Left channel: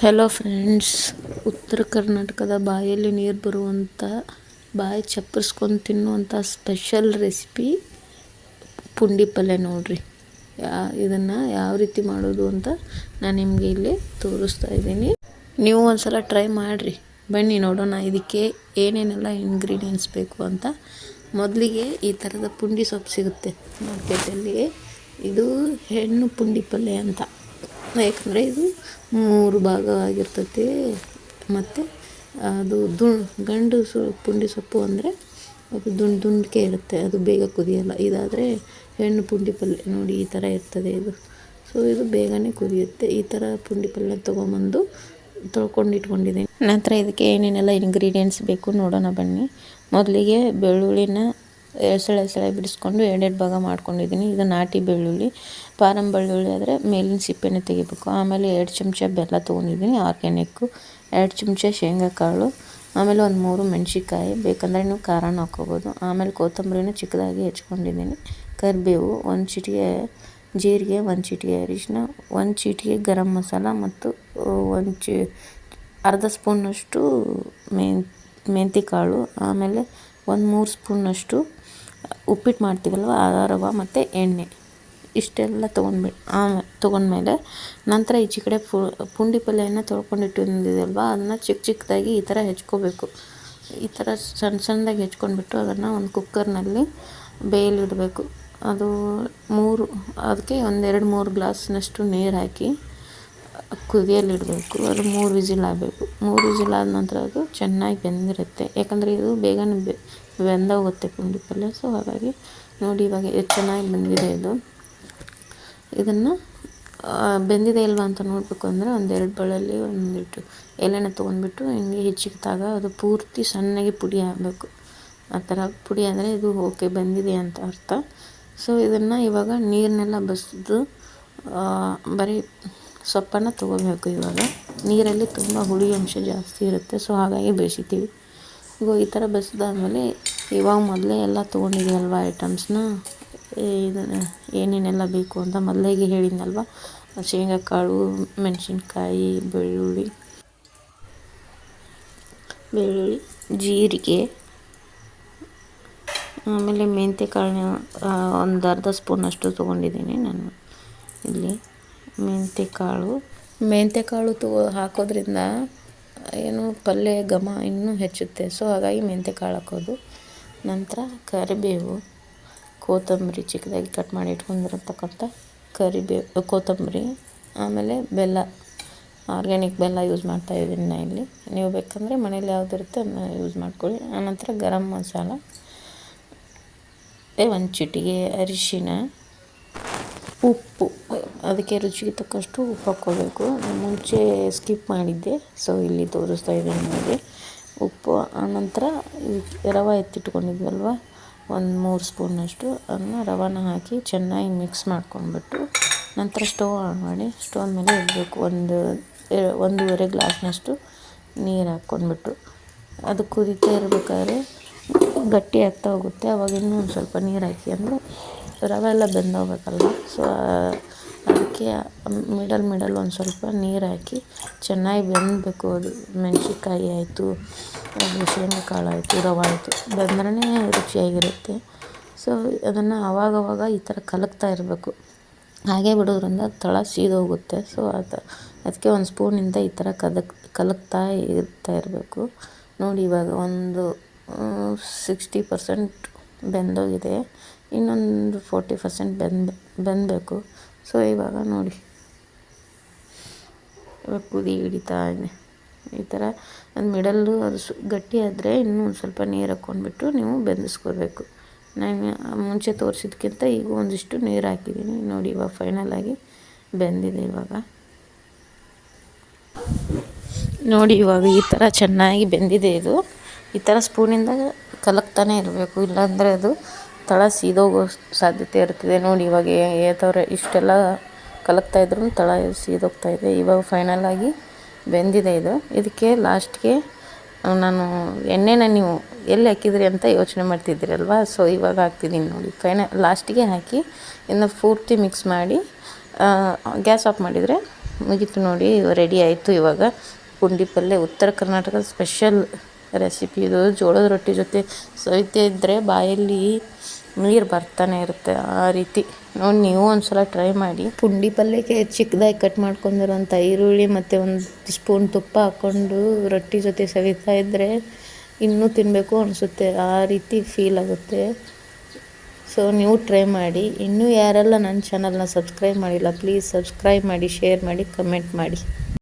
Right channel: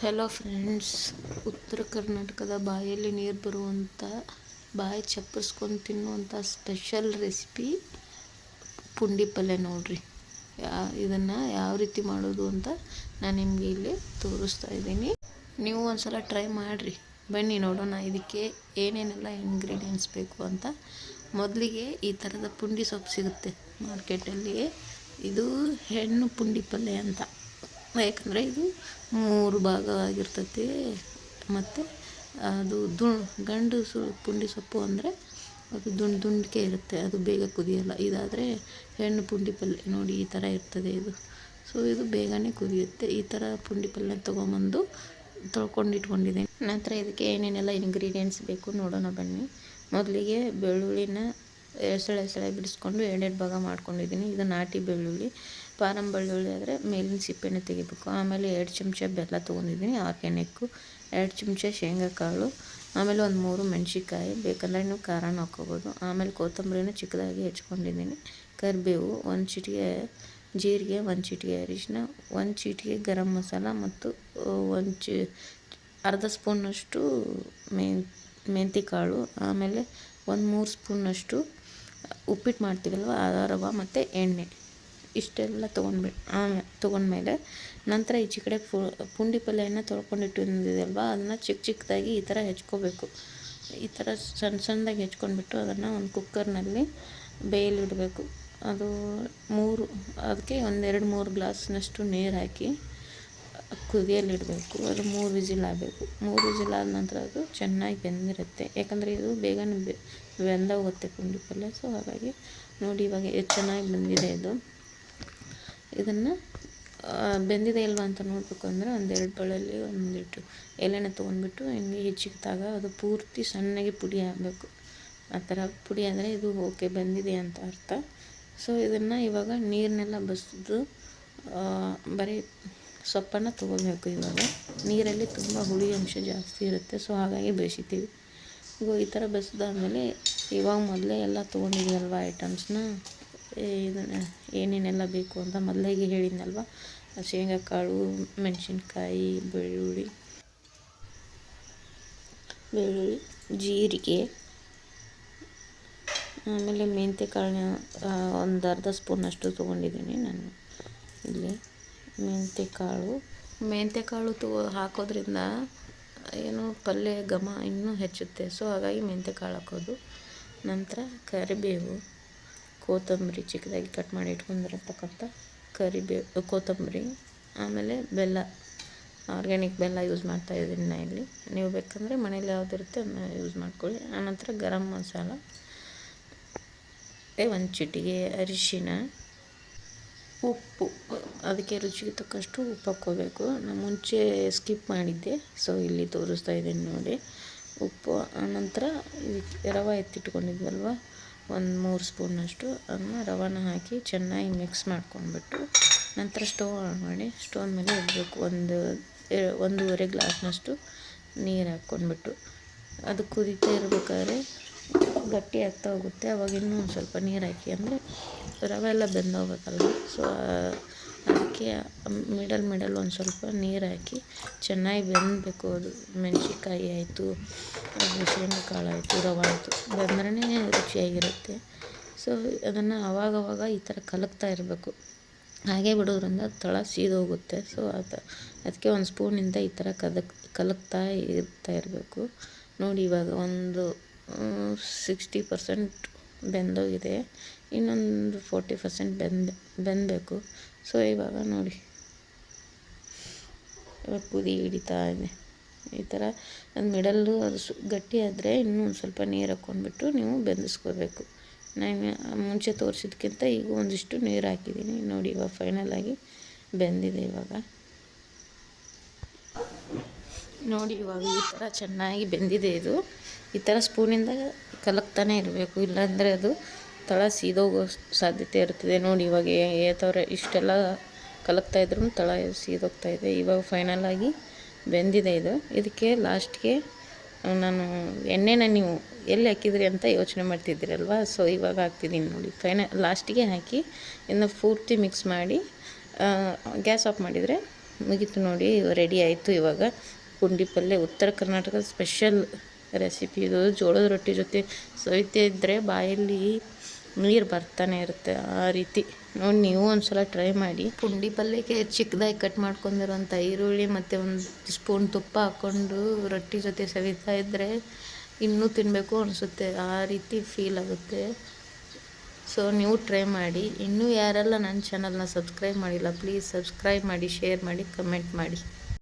Hello friends ಉತ್ತರ ಕರ್ನಾಟಕದ ಬಾಯಲ್ಲಿ ನೀರು ಬರುವಂಥ ಬಾಯಿ ಚಪ್ಪರಿಸ್ಕೊಂಡು ತಿನ್ನುವಂಥ ಸ್ಪೆಷಲ್ ರೆಸಿಪಿ ಪುಂಡಿ ಪಲ್ಯ ನೋಡಿರಿ. ಯಾ, ಇದನ್ನು ಯಾವ ರೀತಿ ಮಾಡೋದು ಅಂತ ನಾನು ನಿಮಗೆ ಇಲ್ಲಿ ತೋರಿಸ್ತಾ ಇದ್ದೀನಿ. ನೀವು ಒಂದು ಸಲ ಟ್ರೈ ಮಾಡಿರಿ. ಬನ್ನಿ ನೋಡೋಣ ಇದಕ್ಕೆ ಏನೇನೆಲ್ಲ ಇಂಗ್ರೀಡಿಯೆಂಟ್ಸ್ ಬೇಕು ಅಂತ. ಮೊದಲಿಗೆ ಈ ಥರದ ಪುಂಡಿ ಸೊಪ್ಪು ಸಿಗುತ್ತೆ. ಮಾರ್ಕೆಟಲ್ಲಿ ಇದು ಹೆಣ್ಣು ಪುಂಡಿ ಪಲ್ಯ ಅಂತ. ಯಾಕಂದರೆ ಇದು ಮೂರು ಭಾಗ ಆಗಿರ್ತೈತಿ ಮತ್ತು ಅದು ದು ಗಂಡು ಸು, ಪುಂಡಿ ಸೊಪ್ಪು ಅಂದರೆ ಅದು ದುಂಡು ದುಂಡಿಕೆ ಇರುತ್ತೆ. ಅದು ಬೇಗ ಕುದಿಯೋಲ್ಲ. ಇದಾದರೆ ಹೆಣ್ಣು ಪುಂಡಿ ಪಲ್ಯ ನೋಡಿ ಈ ಥರ ಇರ್ತದೆ ಇದು. ಸೊ ಇದು ಬೇಗನೆ ಕುದಿಯುತ್ತೆ. ಈ ಥರ ಪುಂಡಿ ಪಲ್ಯ ತೊಗೊಂಬಂದು ತೊಳ್ಕೊಂಡು ನಂತರ ಇದಕ್ಕೆ ಏನೇನೆಲ್ಲ ಇಂಗ್ರೀಡಿಯೆಂಟ್ಸ್ ಬೇಕು ನೋಡೋಣ ಬನ್ನಿ. ಮೊದಲಿಗೆ ಬೆಳ್ಳುಳ್ಳಿನ ಎಸಳೆ ಎಸಳೆ ಬಿಡಿಸ್ಕೊಂಡು ಎರಡೆರಡು ಭಾಗ ಮಾಡ್ಕೊಂಡಿದ್ದೀನಿ. ಇದು ನಾಟಿ ಬೆಳ್ಳುಳ್ಳಿ. ಫಾರಮ್ ಬೆಳ್ಳುಳ್ಳಿ ಆದರೆ ಮೇಲಿನ ಸಿಪ್ಪೆನ ತೆಗಿಬೇಕು. ಆಮೇಲೆ ಎರಡು ಚಮಚ ಬೆಲ್ಲ ತೊಗೊಂಡಿದ್ದೀನಿ ಆರ್ಗ್ಯಾನಿಕ್ಕು ಎರಡು ಚಮಚ ಶೇಂಗಾ ಕಾಳು, ಆಮೇಲೆ ಒಂದು ಮೂರು ಮೆಣಸಿಕಾಯಿ ಬೇಕಂದರೆ ನೀವು ಖಾರನ ಹಾಕ್ಕೋಬೋದು. ಆಮೇಲೆ ಕೊತ್ತಂಬರಿನ ಚಿಕ್ಕದಾಗಿ ಹೆಚ್ಕೊಂಡಿದ್ದೀನಿ. ಕರಿಬೇವು, ಒಂದು ಚಿಟಿಕೆ ಜೀರಿಗೆ, ಒಂದು ಚಿಟಿಕೆ ಅರಿಶಿನ ಒಂದು ಚಿಟಿಕೆ ಗರಂ ಮಸಾಲ ಮತ್ತು ಒಂದು ಚಿ, ಅರ್ಧ ಸ್ಪೂನಷ್ಟು ಮೆನ್ ಮೆಂತಿ ಕಾಳು, ಆಮೇಲೆ ಒಂದು ಮೂರು ಸ್ಪೂನಷ್ಟು ಉಪ್ಪಿಟ್ಟು ಮಾಡ್ತೀವಲ್ವ ಆ ರವೆ ಮತ್ತು ಎಣ್ಣೆ. ಇಷ್ಟೆಲ್ಲ ತೊಗೊಂಡ್ಬಿ ಆಮೇಲೆ ತೊಗೊಂಡ್ಮೇಲೆ ನಂತರ ಈಚೆ ಕಡೆ ಪುಂಡಿ ಪಲ್ಯನ ತೊಳ್ಕೊಂಡಿಟ್ಟಿದ್ದೀವಲ್ವ ಅದನ್ನು ಚಿಕ್ಕ ಚಿಕ್ಕದಾಗಿ ಈ ಥರ ಹೆಚ್ಕೋಬೇಕು. ಈ ಥರ ಸಣ್ಣ ಸಣ್ಣದಾಗಿ ಹೆಚ್ಕೊಂಡ್ಬಿಟ್ಟು ಅದನ್ನು ಒಂದು ಕುಕ್ಕರ್ನಲ್ಲಿ ಬೇಯಲಿಡಬೇಕು. ಅದು ಮೂರು, ಅದಕ್ಕೆ ಒಂದೆರಡು ಮೂರು ಗ್ಲಾಸ್ನಷ್ಟು ನೀರು ಹಾಕಿ ಕುದಿಯಲಿಡಬೇಕು. ಅದು ಮೂರು ವಿಸಿಲ್ ಆಗಬೇಕು. ಮೂರು ವಿಸಿಲ್ ಆದ ನಂತರ ಅದು ಚೆನ್ನಾಗಿ ಬೆಂದಿರುತ್ತೆ. ಯಾಕಂದರೆ ಇದು ಬೇಗನೆ ಬೆಂದೋಗುತ್ತೆ ಪುಂಡಿ ಪಲ್ಯ. ಸೊ ಹಾಗಾಗಿ ನೋಡಿ ಇವಾಗ ಚೆನ್ನಾಗಿ ಬಂದಿದೆ ಇದು. ಇದನ್ನು ಬೆಂದಿದೆ ಇಲ್ವಾ ಅಂತ ನೋಡಬೇಕು ಅಂದರೆ ಒಂದೆರಡು ಬಳ್ಳಲ್ಲಿ ಒಂದಿಟ್ಟು ಎಲೆನ ತೊಗೊಂಡ್ಬಿಟ್ಟು ಹಿಂಗೆ ಹೆಚ್ಚಿಕ್ಕಿದಾಗ ಅದು ಪೂರ್ತಿ ಸಣ್ಣಗೆ ಪುಡಿ ಆಗಬೇಕು. ಆ ಥರ ಪುಡಿ ಅಂದರೆ ಇದು ಓಕೆ ಬಂದಿದೆ ಅಂತ ಅರ್ಥ. ಸೊ ಇದನ್ನು ಇವಾಗ ನೀರನ್ನೆಲ್ಲ ಬಸಿದು ಬರೀ ಸೊಪ್ಪನ್ನು ತೊಗೋಬೇಕು ಇವಾಗ. ನೀರಲ್ಲಿ ತುಂಬ ಹುಳಿ ಅಂಶ ಜಾಸ್ತಿ ಇರುತ್ತೆ ಸೊ ಹಾಗಾಗಿ ಬೇಯಿಸಿತೀವಿ ಈ ಥರ ಬಸಿದಾದ್ಮೇಲೆ ಇವಾಗ ಮೊದಲೇ ಎಲ್ಲ ತೊಗೊಂಡಿದ್ದೀವಲ್ವ ಐಟಮ್ಸ್ನ ಇದನ್ನು ಏನೇನೆಲ್ಲ ಬೇಕು ಅಂತ ಮೊದಲಿಗೆ ಹೇಳಿದ್ನಲ್ವ? ಶೇಂಗಾಕಾಳು, ಮೆಣಸಿನ್ಕಾಯಿ, ಬೆಳ್ಳುಳ್ಳಿ ಬೆಳ್ಳುಳ್ಳಿ, ಜೀರಿಗೆ, ಆಮೇಲೆ ಮೆಂತ್ಯ ಕಾಳನ್ನ ಒಂದು ಅರ್ಧ ಸ್ಪೂನಷ್ಟು ತೊಗೊಂಡಿದ್ದೀನಿ ನಾನು ಇಲ್ಲಿ. ಮೆಂತ್ಯ ಕಾಳು ಮೆಂತ್ಯ ಕಾಳು ತಗೋ ಹಾಕೋದ್ರಿಂದ ಏನು ಪಲ್ಯ ಘಮ ಇನ್ನೂ ಹೆಚ್ಚುತ್ತೆ. ಸೊ ಹಾಗಾಗಿ ಮೆಂತ್ಯ ಕಾಳು ಹಾಕೋದು. ನಂತರ ಕರಿಬೇವು. ಕೊತ್ತಂಬರಿ ಚಿಕ್ಕದಾಗಿ ಕಟ್ ಮಾಡಿ ಇಟ್ಕೊಂಡಿರತಕ್ಕಂಥ ಕರಿಬೇವು ಕೊತ್ತಂಬರಿ, ಆಮೇಲೆ ಬೆಲ್ಲ ಆರ್ಗ್ಯಾನಿಕ್ ಬೆಲ್ಲ ಯೂಸ್ ಮಾಡ್ತಾ ಇದ್ದೀನಿ ನಾನು ಇಲ್ಲಿ. ನೀವು ಬೇಕಂದರೆ ಮನೇಲಿ ಯಾವುದಿರುತ್ತೆ ಯೂಸ್ ಮಾಡ್ಕೊಳ್ಳಿ. ಆನಂತರ ಗರಂ ಮಸಾಲ ಒಂದು ಚಿಟಿಗೆ ಅರಿಶಿನ, ಉಪ್ಪು, ಅದಕ್ಕೆ ರುಚಿಗೆ ತಕ್ಕಷ್ಟು ಉಪ್ಪು ಹಾಕ್ಕೋಬೇಕು. ಮುಂಚೆ ಸ್ಕಿಪ್ ಮಾಡಿದ್ದೆ ಸೊ ಇಲ್ಲಿ ತೋರಿಸ್ತಾ ಇದ್ದೀನಿ ನಿಮಗೆ ಉಪ್ಪು. ಆನಂತರ ರವೆ ಎತ್ತಿಟ್ಕೊಂಡಿದ್ವಲ್ವ ಒಂದು ಮೂರು ಸ್ಪೂನಷ್ಟು ಅದನ್ನು ರವಾನ ಹಾಕಿ ಚೆನ್ನಾಗಿ ಮಿಕ್ಸ್ ಮಾಡ್ಕೊಂಡ್ಬಿಟ್ಟು ನಂತರ ಸ್ಟೋವ್ ಆನ್ ಮಾಡಿ ಸ್ಟೋವ್ ಮೇಲೆ ಇಡಬೇಕು. ಒಂದು ಒಂದೂವರೆ ಗ್ಲಾಸ್ನಷ್ಟು ನೀರು ಹಾಕ್ಕೊಂಡ್ಬಿಟ್ಟು. ಅದು ಕುದಿತಾ ಇರಬೇಕಾದ್ರೆ ಗಟ್ಟಿ ಆಗ್ತಾ ಹೋಗುತ್ತೆ. ಅವಾಗ ಇನ್ನೂ ಒಂದು ಸ್ವಲ್ಪ ನೀರು ಹಾಕಿ ಅಂದರೆ ರವೆ ಎಲ್ಲ ಬೆಂದೋಗ್ಬೇಕಲ್ವ ಸೊ ಅದಕ್ಕೆ ಮಿಡಲ್ ಮಿಡಲ್ ಒಂದು ಸ್ವಲ್ಪ ನೀರು ಹಾಕಿ ಚೆನ್ನಾಗಿ ಬೆಂದಬೇಕು ಅದು. ಮೆಣಸಿನ್ಕಾಯಿ ಆಯಿತು ಶೇಂಗಾ ಕಾಳು ಆಯಿತು, ರವೆ ಆಯಿತು. ಬೆಂದ್ರೇ ರುಚಿಯಾಗಿರುತ್ತೆ. ಸೊ ಅದನ್ನು ಆವಾಗವಾಗ ಈ ಥರ ಕಲಕ್ತಾ ಇರಬೇಕು. ಹಾಗೆ ಬಿಡೋದ್ರಿಂದ ತಳ ಸೀದೋಗುತ್ತೆ. ಸೊ ಅದು, ಅದಕ್ಕೆ ಒಂದು ಸ್ಪೂನಿಂದ ಈ ಥರ ಕದಕ್ ಕಲಕ್ತಾ ಇರ್ತಾ ಇರಬೇಕು. ನೋಡಿ, ಇವಾಗ ಒಂದು ಸಿಕ್ಸ್ಟಿ ಪರ್ಸೆಂಟ್ ಬೆಂದೋಗಿದೆ. ಇನ್ನೊಂದು ಫೋರ್ಟಿ ಪರ್ಸೆಂಟ್ ಬೆಂದ, ಬೆಂದಬೇಕು. ಸೊ, ಇವಾಗ ನೋಡಿ. ಕುದಿ ಹಿಡಿತಾ ಇದೆ. ಈ ಥರ ಅದು ಮಿಡಲ್ಲು ಅದು ಸು, ಗಟ್ಟಿ ಆದರೆ ಇನ್ನೂ ಒಂದು ಸ್ವಲ್ಪ ನೀರು ಹಾಕ್ಕೊಂಡ್ಬಿಟ್ಟು ನೀವು ಬೆಂದಿಸ್ಕೋಬೇಕು ನಾನು ಮುಂಚೆ ತೋರಿಸಿದ್ಕಿಂತ ಈಗ ಒಂದಿಷ್ಟು ನೀರು ಹಾಕಿದ್ದೀನಿ. ನೋಡಿ, ಇವಾಗ ಫೈನಲಾಗಿ ಬೆಂದಿದೆ ಇವಾಗ. ನೋಡಿ, ಇವಾಗ ಈ ಥರ ಚೆನ್ನಾಗಿ ಬೆಂದಿದೆ ಇದು. ಈ ಥರ ಸ್ಪೂನಿಂದ ಕಲಕ್ತಾನೆ ಇರಬೇಕು. ಇಲ್ಲಾಂದರೆ ಅದು ತಳ ಸೀದೋಗೋ ಸಾಧ್ಯತೆ ಇರ್ತದೆ ನೋಡಿ ಇವಾಗ ಏತವ್ರೆ ಇಷ್ಟೆಲ್ಲ ಕಲಕ್ತಾ ಇದ್ರು ತಳ ಸೀದೋಗ್ತಾ ಇದೆ. ಇವಾಗ ಫೈನಲಾಗಿ ಬೆಂದಿದೆ ಇದು. ಇದಕ್ಕೆ ಲಾಸ್ಟ್ಗೆ ನಾನು ಎಣ್ಣೆನ ನೀವು ಎಲ್ಲಿ ಹಾಕಿದ್ರಿ ಅಂತ ಯೋಚನೆ ಮಾಡ್ತಿದ್ದೀರಲ್ವ ಸೊ ಇವಾಗ ಹಾಕ್ತಿದ್ದೀನಿ ನೋಡಿ. ಫೈನ ಲಾಸ್ಟಿಗೆ ಹಾಕಿ ಇನ್ನು ಪೂರ್ತಿ ಮಿಕ್ಸ್ ಮಾಡಿ ಗ್ಯಾಸ್ ಆಫ್ ಮಾಡಿದರೆ ಮುಗೀತು ನೋಡಿ. ರೆಡಿ ಆಯಿತು ಇವಾಗ. ಪುಂಡಿ ಪಲ್ಯ, ಉತ್ತರ ಕರ್ನಾಟಕದ ಸ್ಪೆಷಲ್ ರೆಸಿಪಿ ಇದು. ಜೋಳದ ರೊಟ್ಟಿ ಜೊತೆ ಸವಿತೆ ಇದ್ದರೆ ಬಾಯಲ್ಲಿ ನೀರು ಬರ್ತಾನೆ ಇರುತ್ತೆ ಆ ರೀತಿ. ನೋಡಿ ನೀವು ಒಂದ್ಸಲ ಟ್ರೈ ಮಾಡಿ. ಪುಂಡಿ ಪಲ್ಯಕ್ಕೆ ಚಿಕ್ಕದಾಗಿ ಕಟ್ ಮಾಡ್ಕೊಂಡಿರೋಂಥ ಈರುಳ್ಳಿ ಮತ್ತು ಒಂದು ಸ್ಪೂನ್ ತುಪ್ಪ ಹಾಕ್ಕೊಂಡು ರೊಟ್ಟಿ ಜೊತೆ ಸವಿತಾ ಇದ್ದರೆ ಇನ್ನೂ ತಿನ್ನಬೇಕು ಅನಿಸುತ್ತೆ. ಆ ರೀತಿ ಫೀಲ್ ಆಗುತ್ತೆ. ಸೊ ನೀವು ಟ್ರೈ ಮಾಡಿ. ಇನ್ನೂ ಯಾರೆಲ್ಲ ನನ್ನ ಚಾನಲ್ನ ಸಬ್ಸ್ಕ್ರೈಬ್ ಮಾಡಿಲ್ಲ ಪ್ಲೀಸ್ ಸಬ್ಸ್ಕ್ರೈಬ್ ಮಾಡಿ ಶೇರ್ ಮಾಡಿ ಕಮೆಂಟ್ ಮಾಡಿ.